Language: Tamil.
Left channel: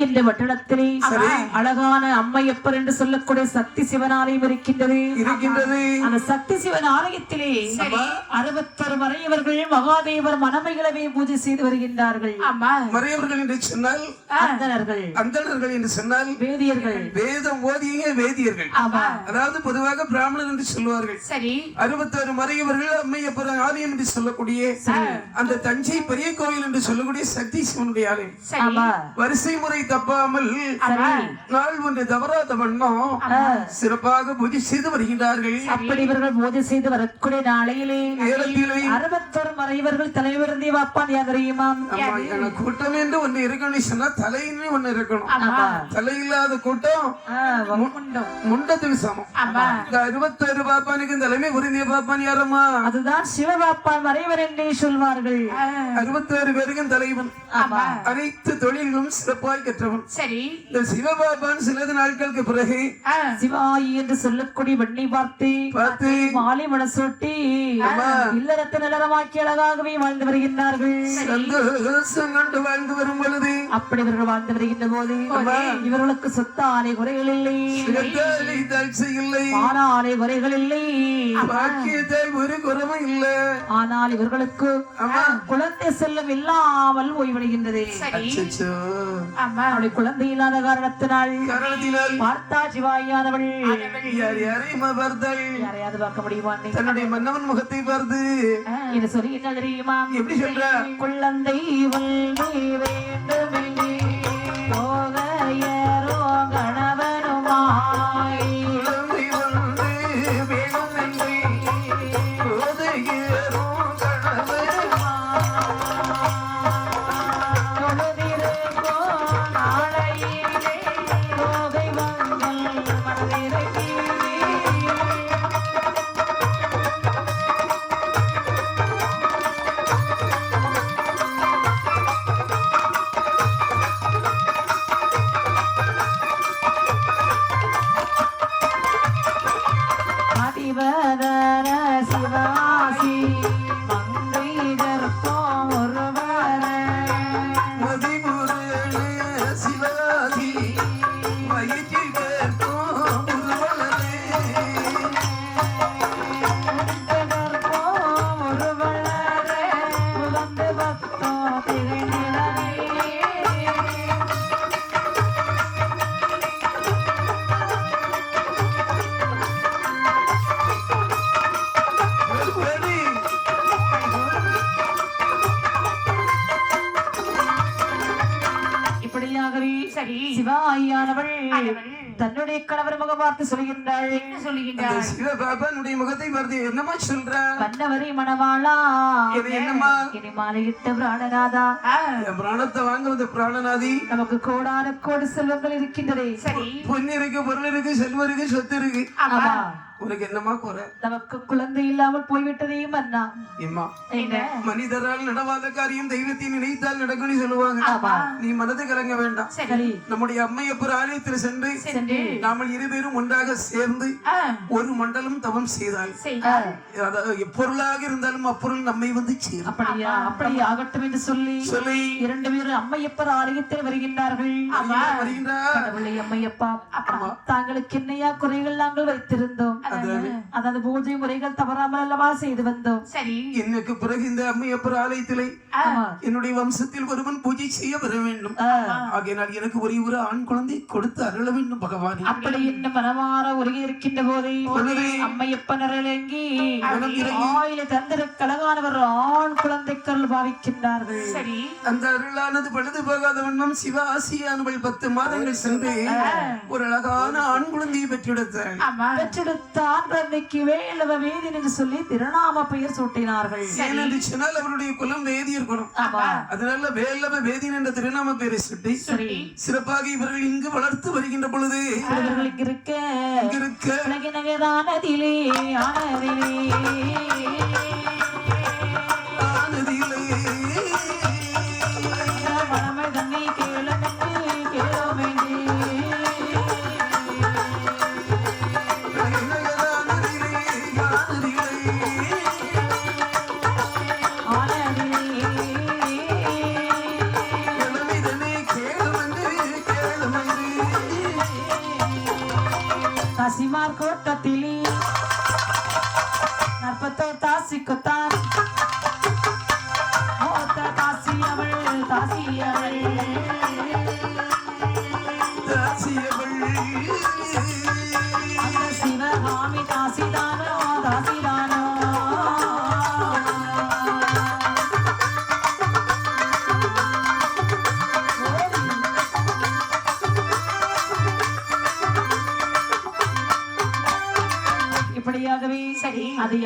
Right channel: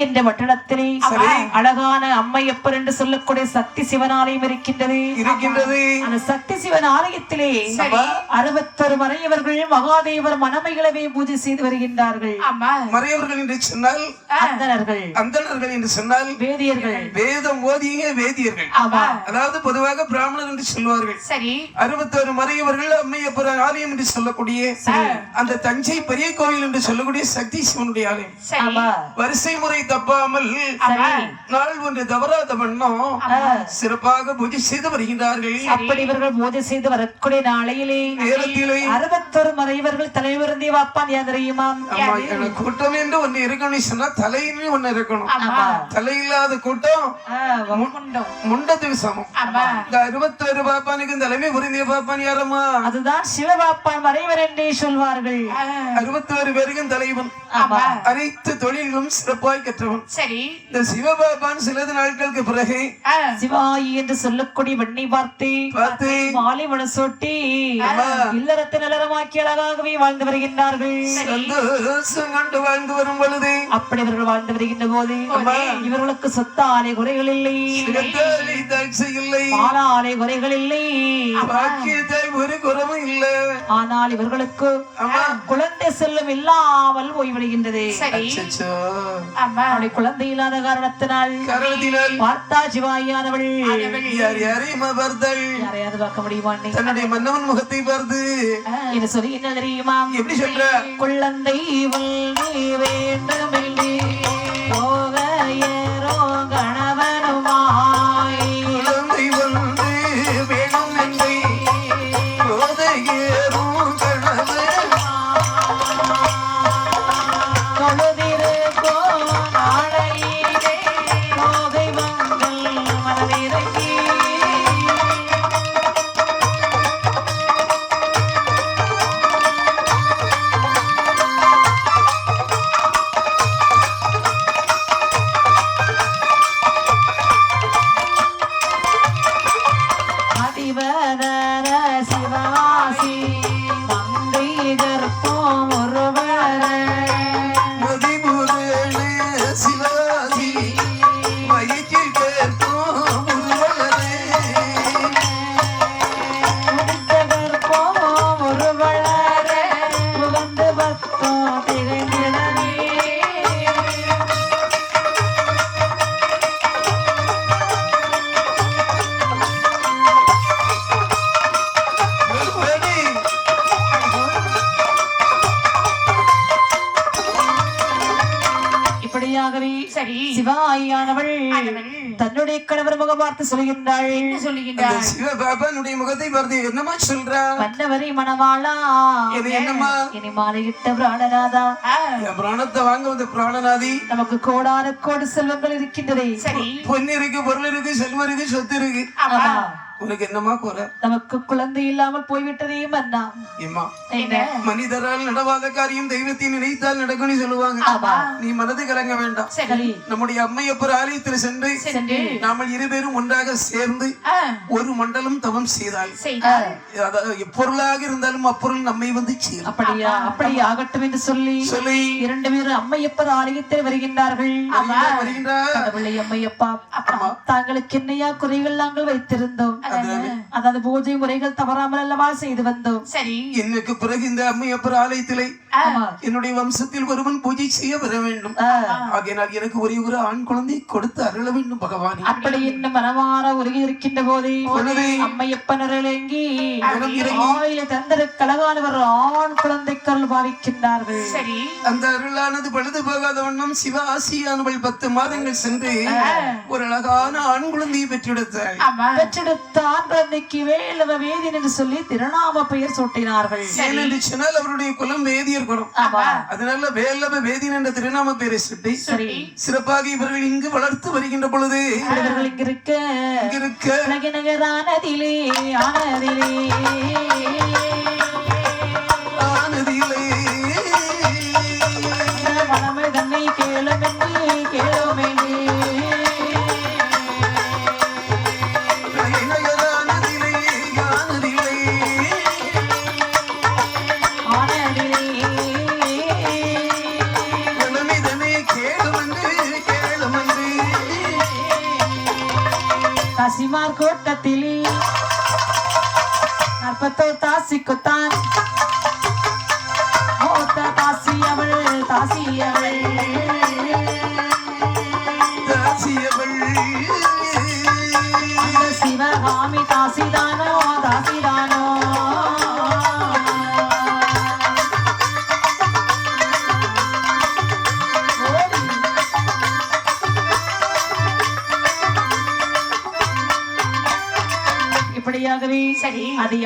இந்த வட்டணத்திலே அழகான அம்மையப்பர் என்று சொல்லக்கூடிய சக்தி சிவன் ஆலயம் இருக்கின்றது. இருக்கின்றது. அந்த சக்தி சிவன் ஆலயத்திலே அறுபத்தொரு மறையவர்கள் மகாதேவர் மனமைகளவே பூஜை செய்து வருகின்றார்கள். மறையவர்கள் என்று சொன்னால் அந்தணர்கள். என்று சொன்னால் வேதியர்கள். வேதம் ஓதிய வேதியர்கள். அதாவது பொதுவாக பிராமணர் என்று சொல்வார்கள். சரி. அறுபத்தொரு மறையவர்கள் அம்மையப்பர் ஆலயம் என்று சொல்லக்கூடிய அந்த தஞ்சை பெரிய கோவில் என்று சொல்லக்கூடிய சக்தி சிவனுடைய ஆலயம். வரிசை முறை தப்பாமல் நாள் ஒன்று தவறாத வண்ணம் சிறப்பாக பூஜை செய்து வருகின்றார்கள். அப்படி இவர்கள் பூஜை செய்து வரக்கூடிய நாளையிலே நேரத்திலே அறுபத்தொரு மறைவர்கள் தலைவருந்தே வாப்பான் யார் தெரியுமா? கூட்டம் என்று ஒண்ணு இருக்கணும்னு சொன்னா தலைன்னு ஒண்ணு இருக்கணும். தலை இல்லாத கூட்டம் முண்டத்துக்கு சமம். இந்த அறுபத்தொரு பாப்பானுக்கு தலைமை புரிந்திய பாப்பான் யாரம்மா? அதுதான் சிவபாப்பான் மறைவர் என்றே சொல்வார்கள். அறுபத்தோரு பேருக்கும் தலைவன். அனைத்து தொழிலும் சிறப்பாய் கற்றவன் சரி. இந்த சிவபாபான் சிலது நாட்களுக்கு பிறகு சிவாயி என்று சொல்லக்கூடிய வெண்ணை பார்த்து பார்த்து மாலை மனசொட்டி இல்லறத்தை நிலரமாக்கி அழகாகவே வாழ்ந்து வருகின்றார்கள். சந்தோஷம் கண்டு வாழ்ந்து வரும் பொழுது அப்படி இவர்கள் வாழ்ந்து வருகின்ற போது இவர்களுக்கு சொத்த ஆலை குறைகள் இல்லை. இல்லை. ஆலை குறைகள் இல்லை. ஒரு குறவும் இல்ல. ஆனால் இவர்களுக்கு குழந்தை செல்லம் இல்லாமல் போய்விடுகின்றது சரி. அச்சச்சோ. ஆமா. அவளை குழந்தை இல்லாத காரணத்தினால் பார்த்தா சிவாயானவள் யாரையாவது பார்க்க முடியுமா நீ? தன்னுடைய மன்னவன் முகத்தை பார்த்து. என்ன சொல்லி என்ன தெரியுமா? எப்படி சொல்ற? குழந்தை வள்ளி இப்படியாகவே சரி. சிவாயானவள் தன்னுடைய கணவர் முகம் பார்த்து சொல்கின்றாள்? அந்த சிவபாபானுடைய முகத்தை பார்த்து என்னமா சொல்ற? மன்னவரை மணவாளா. இது என்னம்மா? இனி மாலையிட்ட பிராணநாதா. பிராணத்தை வாங்குவது பிராணநாதி. நமக்கு கோடான கோடி செல்வங்கள் இருக்கின்றதே. சரி. பொண்ணு இருக்கு பொருள் இருக்கு செல்வம் இருக்கு சொத்து இருக்கு. ஆமா. உனக்கு என்னமா குறை? நமக்கு குழந்தை இல்லாமல் போய்விட்டதே மன்னா. என்ன? மனிதரால் நடவாத காரியம் தெய்வத்தை நினைத்தால் நடக்கும்னு சொல்லுவாங்க. நீ மனது கலங்க வேண்டாம். சரி. நம்முடைய அம்மையப்பர் ஆலயத்தில் சென்று நாமல் இருவரும் ஒன்றாக சேர்ந்து ஒரு மண்டலம் தவம் செய்தால். எப்பொருளாக இருந்தாலும் அப்பொருள் நம்மை வந்து சேரும். அப்படியா? அப்படி ஆகட்டும் என்று சொல்லி சொல்லி. இரண்டு பேரும் அம்மையப்பர் ஆலயத்தில் வருகின்றார்கள். வருகின்றார் அம்மையப்பா தாங்களுக்கு என்னையா குறைகள் நாங்கள் வைத்திருந்தோம்? அதாவது பூஜை முறைகள் தவறாமல் அல்லவா செய்து வந்தோம். சரி. எனக்கு பிறகு இந்த அம்மையப்பர் ஆலயத்திலே என்னுடைய வம்சத்தில் ஒருவன் பூஜை செய்ய வர வேண்டும். ஆ. ஆகையினால் எனக்கு ஒரே ஒரு ஆண் குழந்தை கொடுத்து அருள வேண்டும் பகவானே. அப்படி இன்னும் மனமாற உருகி இருக்கின்ற போதே அம்மையப்பன் அருளங்கி ஆயிலை தந்திருக்க அழகானவர் ஆண் குழந்தைக்கருள் பாவிக்கின்றார்கள். சரி. அந்த அருளானது பழுது போகாத வண்ணம் சிவாசியானவள் பத்து மாதங்கள் சென்று ஒரு அழகான ஆண் குழந்தையை பெற்றெடுத்தாள். பெற்றெடுத்த ஆண் குழந்தைக்கு வேலவ வேதியன் என்று சொல்லி திருநாம பெயர் சூட்டினார்கள். ஏனென்று சொன்னால் அவருடைய குலம் வேதியர் குலம். அதனால வேலவ வேதியன் என்ற திருநாம பெயரை சுட்டி சிறப்பாக இவர்கள் இங்கு வளர்த்து வருகின்ற பொழுது இவர்கள் இங்க இருக்க இங்க இருக்க நகரானதிலே ஆனதிலே. ஆனதிலே தாசிக்குத்தான் மூத்த தாசி அவள் தாசி அவள் தாசியவள் அந்த சிவகாமி தாசிதானோ தாசிதானோ. இப்படியாகவே சரி. அது